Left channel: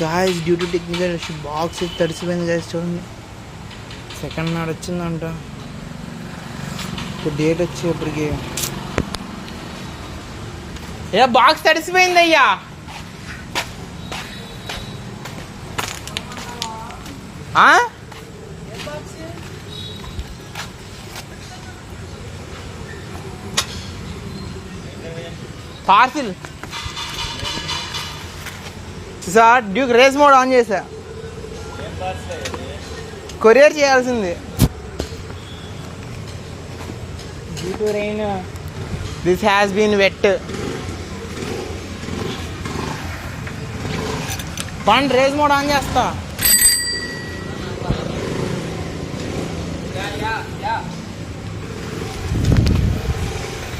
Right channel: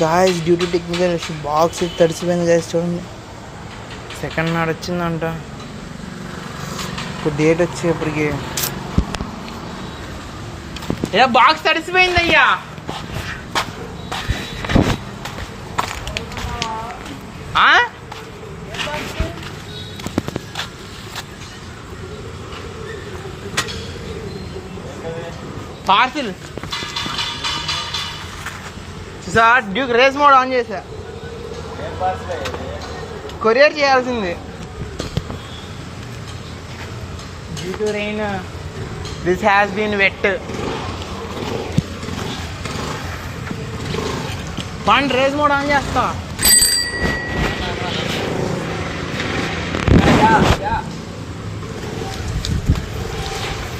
Guys due to technical issue box తడిసిపోయింది guys. చూడండి, second నాడు వచ్చిందంట. ఇప్పుడు డేట్ వచ్చేప్పటికి బాక్స్ తడిసిపోయింది అయ్యా. Parcel sir, Duke race mode on చేసా. కొరియర్ చేయాల్సింది. Due to rain this has been wet. పండ్ రేస్ మోడ్ ఆన్ చేస్తా.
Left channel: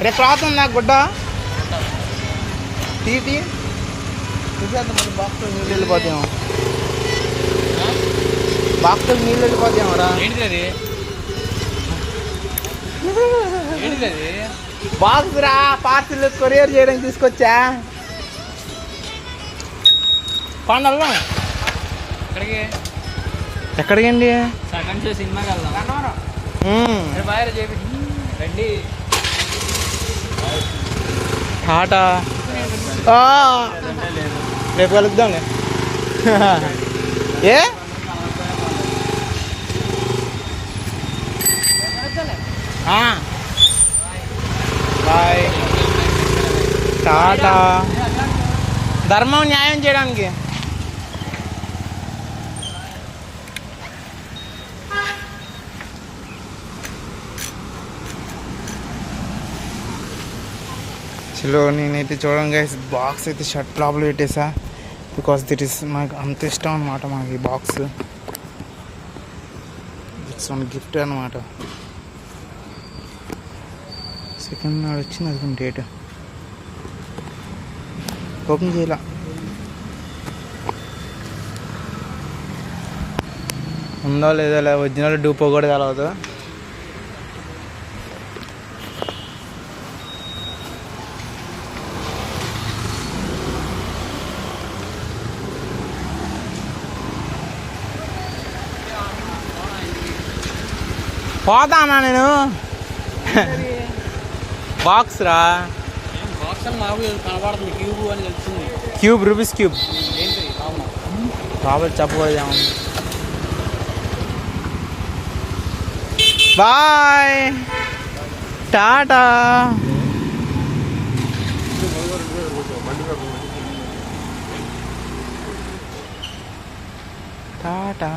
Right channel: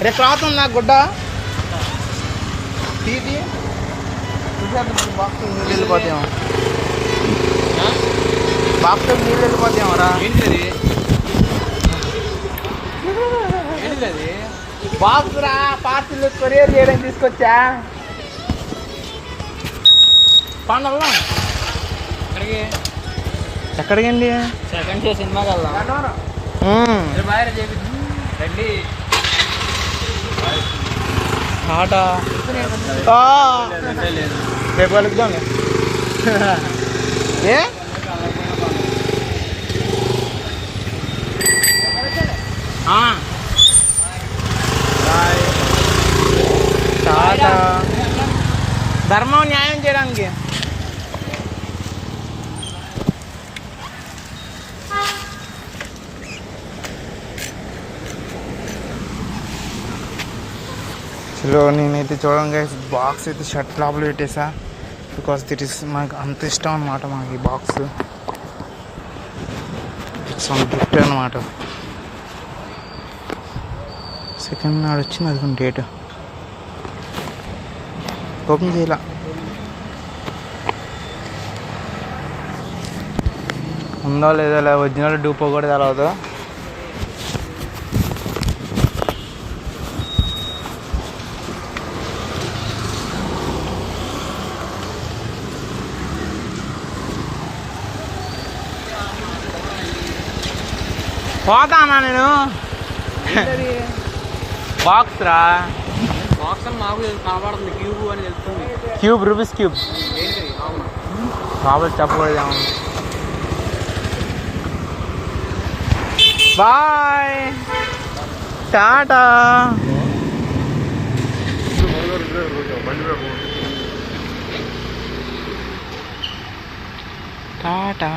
రే క్లాత్ ఉందా గుడ్డ తీటి చూసేద్దాం. మరి బాక్స్తో నీళ్ళు వెళ్ళిపోతాం. బాక్స్తో నీళ్ళు వెళ్ళిపోతామరా. బాక్స్ రా, పార్సిల్ కొరియర్ చేయడానికి తీసుకొచ్చా. పండల్లా ఎక్కడికండి? సెకండ్ షో సినిమాకి వెళ్దాం. ఆట రేపు కలుద్దాం. ఏ ధర్మం న్యాయం చేయడానికి. చలో నేనైతే చూడండి గైస్, బాక్స్ అయితే షర్ట్ లోపల పెట్టేసా. బికాస్ దిట్ ఇస్ మాకు అంత ఇష్టం అనమాట మాకు ఈ బాక్స్. ఇట్స్ ఆన్ గిఫ్ట్ అనమాట. సెకండ్ నాడు వచ్చింది అది డేట్. ఓపెన్ చేయాల. ఉందా లేదా, ఇలా ఒరిజినల్ డూపో కూడా తెలవదు. పోతానా నేను. బాక్స్ రా, బాక్స్ అని మామూలు కనబడుతుంది. క్యూబ్ అని తెలుస్తుంది. Cube, Rubik's cube. బాబు చెప్పబోదాం. బాయ్, టాటా. టాటా.